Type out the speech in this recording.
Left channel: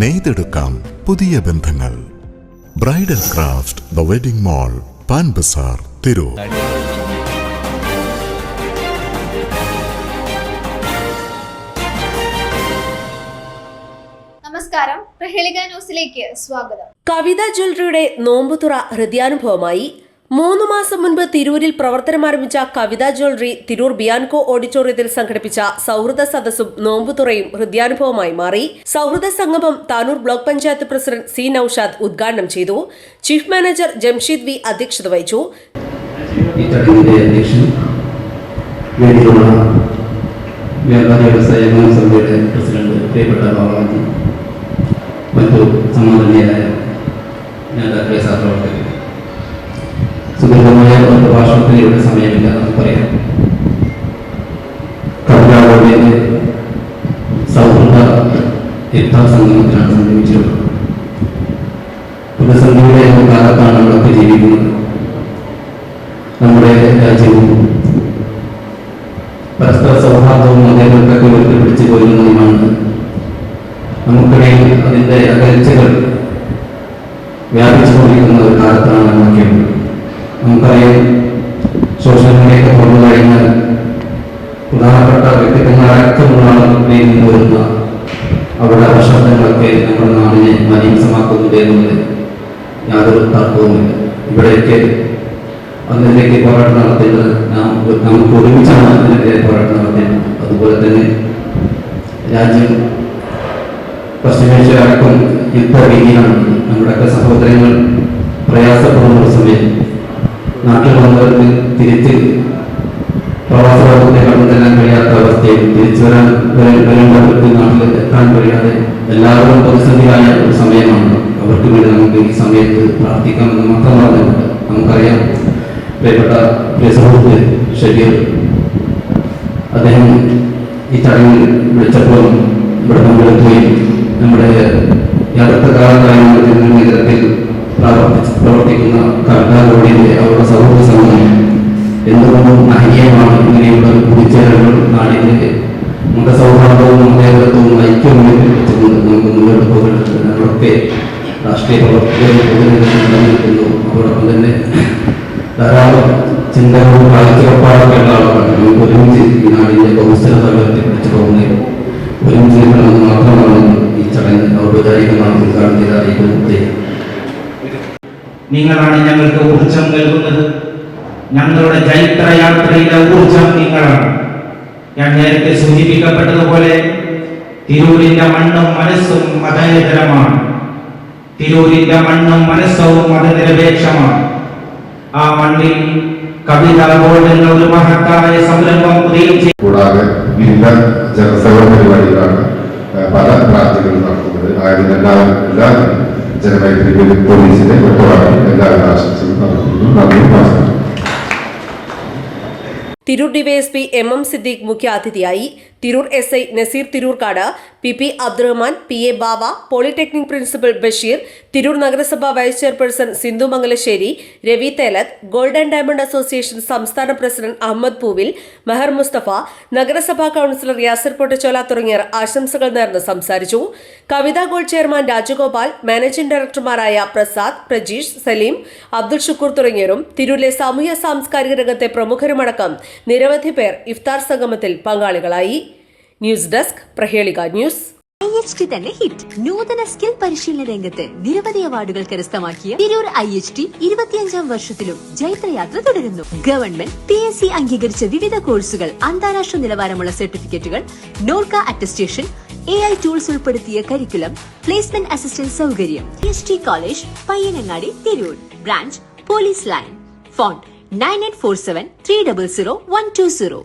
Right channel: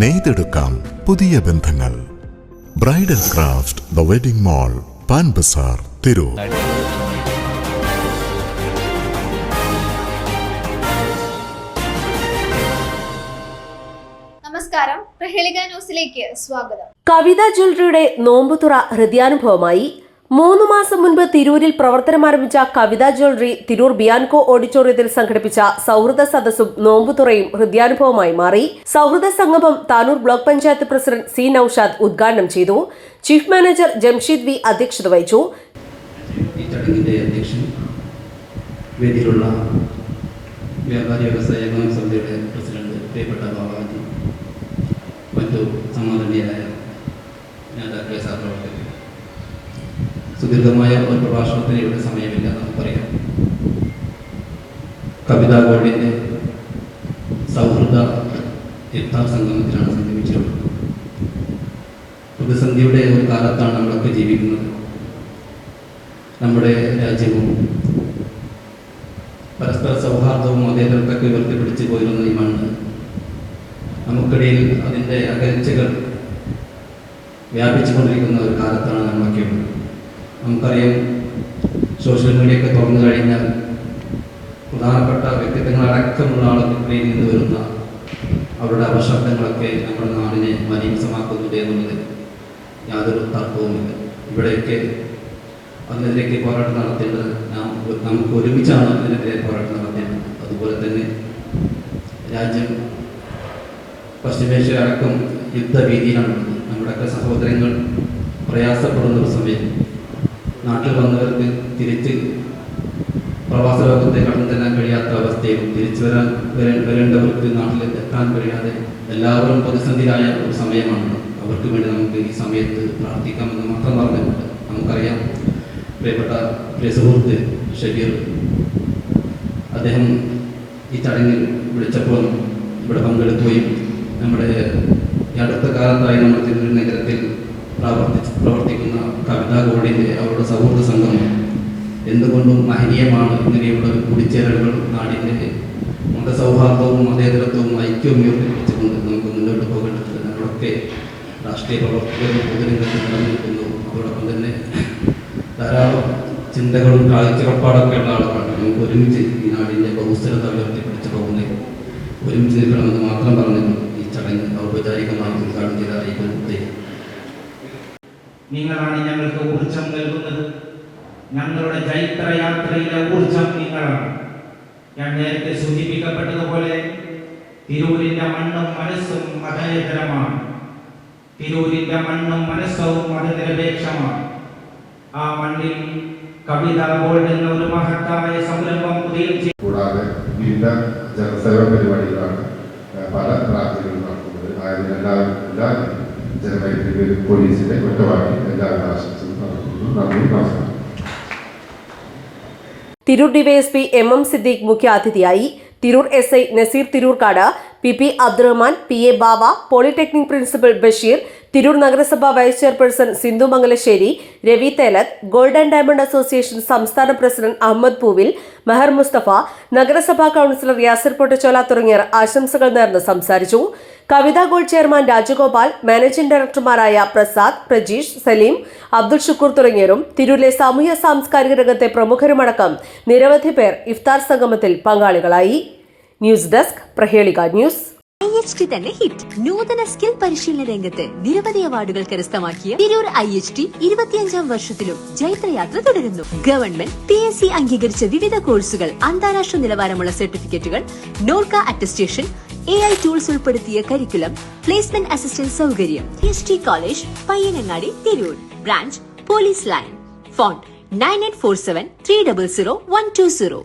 നെയ്തെടുക്കാം പുതിയ ബന്ധങ്ങൾ. Bridal craft the wedding mall, Pan Bazaar, Tirur. നമസ്കാരം, പ്രഹേളിക ന്യൂസിലേക്ക് സ്വാഗതം. കവിത ജ്വല്ലറിയുടെ നോമ്പുതുറ ഹൃദയാനുഭവമായി. 3 മാസം മുൻപ് തിരൂരിൽ പ്രവർത്തനമാരംഭിച്ച കവിത ജ്വല്ലറി തിരൂർ ബിയാൻകോ ഓഡിറ്റോറിയത്തിൽ സംഘടിപ്പിച്ച സൗഹൃദ സദസ്സും നോമ്പുതുറയും ഹൃദയാനുഭവമായി മാറി. സൗഹൃദ സംഗമം Tanur block panchayat president C Noushad ഉദ്ഘാടനം ചെയ്തു. ചീഫ് മാനേജർ ജംഷീദ് വി അധ്യക്ഷത വഹിച്ചു. സുദീർഘമായ പ്രഭാഷണത്തിനുള്ള സമയമില്ല എന്ന് പറയാം. കവിതാവോടെ സൗഹൃദ ഇഫ്താർ സംഗമത്തിലാണ് സംഗമിച്ചിട്ടുള്ളത്. പ്രതിസന്ധിയുടെ കാലത്താണ് നമ്മളൊക്കെ ജീവിക്കുന്നത്. നമ്മുടെ രാജ്യവും പരസ്പര സൗഹാർദ്ദവും അതേപോലൊക്കെ ഉയർത്തിപ്പിടിച്ച് പോരുന്നതുമാണ്. നമുക്കിടയിൽ അതിൻ്റെ അകൽച്ചകൾ വ്യാപിച്ചുകൊണ്ടിരിക്കുന്ന ഒരു കാലത്താണ് നമ്മളൊക്കെ. നമുക്കറിയാം, സോഷ്യൽ മീഡിയയൊക്കെ തുറന്നു കഴിഞ്ഞാൽ പ്രധാനപ്പെട്ട വ്യക്തിത്വങ്ങളടക്കമുള്ള ആളുകളിൽ നിന്ന് വരുന്ന അവരുടെ അപശബ്ദങ്ങളൊക്കെ നമ്മുടെ നാടിനെ മലീമസമാക്കുന്നുണ്ട് എന്നുള്ളത് യാതൊരു തർക്കവുമില്ല. ഇവിടെയൊക്കെ അതിനെതിരെ പോരാട്ടം നടത്തേണ്ടത് നമുക്ക് ഒരുമിച്ചാണ് അതിനെതിരെ പോരാട്ടം നടത്തേണ്ടത്. അതുപോലെ തന്നെ രാജ്യം പശ്ചിമേഷ്യ അടക്കം യുദ്ധഭീതിയിലാണ്. നമ്മുടെയൊക്കെ സഹോദരങ്ങൾ പ്രയാസപ്പെടുന്ന ഒരു സമയം നാട്ടിൽ വന്നവർക്ക് തിരിച്ച് പ്രവാസത്തെ കണ്ടെത്താൻ കഴിയാത്ത അവസ്ഥയിൽ തിരിച്ചു വരേണ്ടവർക്ക് നാട്ടിൽ എത്താൻ കഴിയാതെ എല്ലാവരും പ്രതിസന്ധിയായ ഒരു സമയമാണ്. അവർക്ക് വേണ്ടി നമുക്ക് ഈ സമയത്ത് പ്രാർത്ഥിക്കാമെന്ന് മാത്രമാണ്. നമുക്കറിയാം, പ്രിയ സുഹൃത്ത് ഷബീർ, അദ്ദേഹം ഈ ചടങ്ങിൽ വിളിച്ചപ്പോൾ ഇവിടെ പങ്കെടുക്കുകയും നമ്മുടെ അടുത്ത കാലത്തായി നേതൃത്വത്തിൽ പ്രവർത്തിക്കുന്ന കവിതാലോടിന്റെ അവരുടെ സൗഹൃദ സംഘം എന്തുകൊണ്ടും മഹനീയമാണ്. ഇങ്ങനെയുള്ള കൂടിച്ചേരലുകൾ നാടിന്റെ മതസൗഹാർദ്ദവും മതേതരത്വവും ഐക്യവും വെച്ചുകൊണ്ട് നമുക്ക് മുന്നോട്ട് പോകേണ്ടത്. നമ്മളൊക്കെ രാഷ്ട്രീയ പ്രവർത്തകർക്കുന്നു. അതോടൊപ്പം തന്നെ ധാരാളം ചിന്തകളും കാഴ്ചപ്പാടൊക്കെ ഉള്ള ആളുകളാണ്. നമുക്ക് ഒരുമിച്ച് ഈ നാടിന്റെ ബഹുസ്ഥലത ഉയർത്തിപ്പിടിച്ചു പോകുന്നത് ഒരുമിച്ച് നിൽക്കണമെന്ന് മാത്രമാണ് ഈ ചടങ്ങ് ഔപചാരികമായി ഉദ്ഘാടനം ചെയ്ത അറിയിക്കുന്നത്. നിങ്ങളാണ് ഞങ്ങൾക്ക് ഊർജം നൽകുന്നത്. ഞങ്ങളുടെ ചൈത്രയാത്രയിലെ ഊർജം നിങ്ങളാണ്. ഞാൻ നേരത്തെ സൂചിപ്പിക്കപ്പെട്ടതുപോലെ തിരൂരിന്റെ മണ്ണും മനസ്സും മതേതരമാണ്. തിരൂരിന്റെ മണ്ണും മനസ്സവും മതനിരപേക്ഷമാണ്. ആ മണ്ണിൽ കവിത ഗോൾഡ് എന്ന ഒരു മഹത്തായ സംരംഭം കൂടാതെ വിവിധ ജനസേവന പരിപാടികളാണ് പല ബ്രാഞ്ചുകളിൽ നടത്തുന്നത്. ആയതിനെല്ലാം എല്ലാവരും ജനമൈത്രി പോലീസിന്റെ ഒറ്റവാടി എല്ലാവരും ആശംസകൾ നടത്തുന്നു. തിരൂർ ഡിവൈഎസ്പി MM സിദ്ദീഖ് മുഖ്യാതിഥിയായി. Tirur SI Nazeer Tirurkkad, PP Abdurahman, PA Bava, polytechnic principal Basheer, Tirur നഗരസഭ vice chairperson Sindhu Mangalassery, Ravi Thelath, gold and diamond association സംസ്ഥാന പ്രസിഡന്റ് അഹമ്മദ് പൂവിൽ, മെഹർ മുസ്തഫ, നഗരസഭാ കൌൺസിലർ യാസിർ പൊട്ടച്ചോല തുടങ്ങിയവർ ആശംസകൾ നേർന്ന് സംസാരിച്ചു. Kavitha gold chairman Rajagopal, managing ഡയറക്ടർമാരായ പ്രസാദ്, പ്രജീഷ്, സലീം, അബ്ദുൾ ഷുക്കൂർ തുടങ്ങിയവരും തിരൂരിലെ സാമൂഹ്യ സാംസ്കാരിക രംഗത്തെ പ്രമുഖരുമടക്കം നിരവധി പേർ ഇഫ്താർ സംഗമത്തിൽ പങ്കാളികളായി. News desk, Prahelika news. IHT തന്നെ ഹിറ്റ്. നൂതന സ്കിൽ പരിശീലന രംഗത്ത് നിരവധി അവാർഡുകൾ കരസ്ഥമാക്കിയ തിരൂർ IHT 25ാം വർഷത്തിലും ജൈത്രയാത്ര തുടരുന്നു. ഗവൺമെന്റ് PSC അംഗീകരിച്ച വിവിധ കോഴ്സുകൾ, അന്താരാഷ്ട്ര നിലവാരമുള്ള സർട്ടിഫിക്കറ്റുകൾ, നോർക്ക അറ്റസ്റ്റേഷൻ, AI ടൂൾസ് ഉൾപ്പെടുത്തിയ കരിക്കുലം, പ്ലേസ്മെന്റ് അസിസ്റ്റന്റ് സൗകര്യം. IHT college, Payyanangadi, Tirur. Branch police line. Phone 9847 300 120.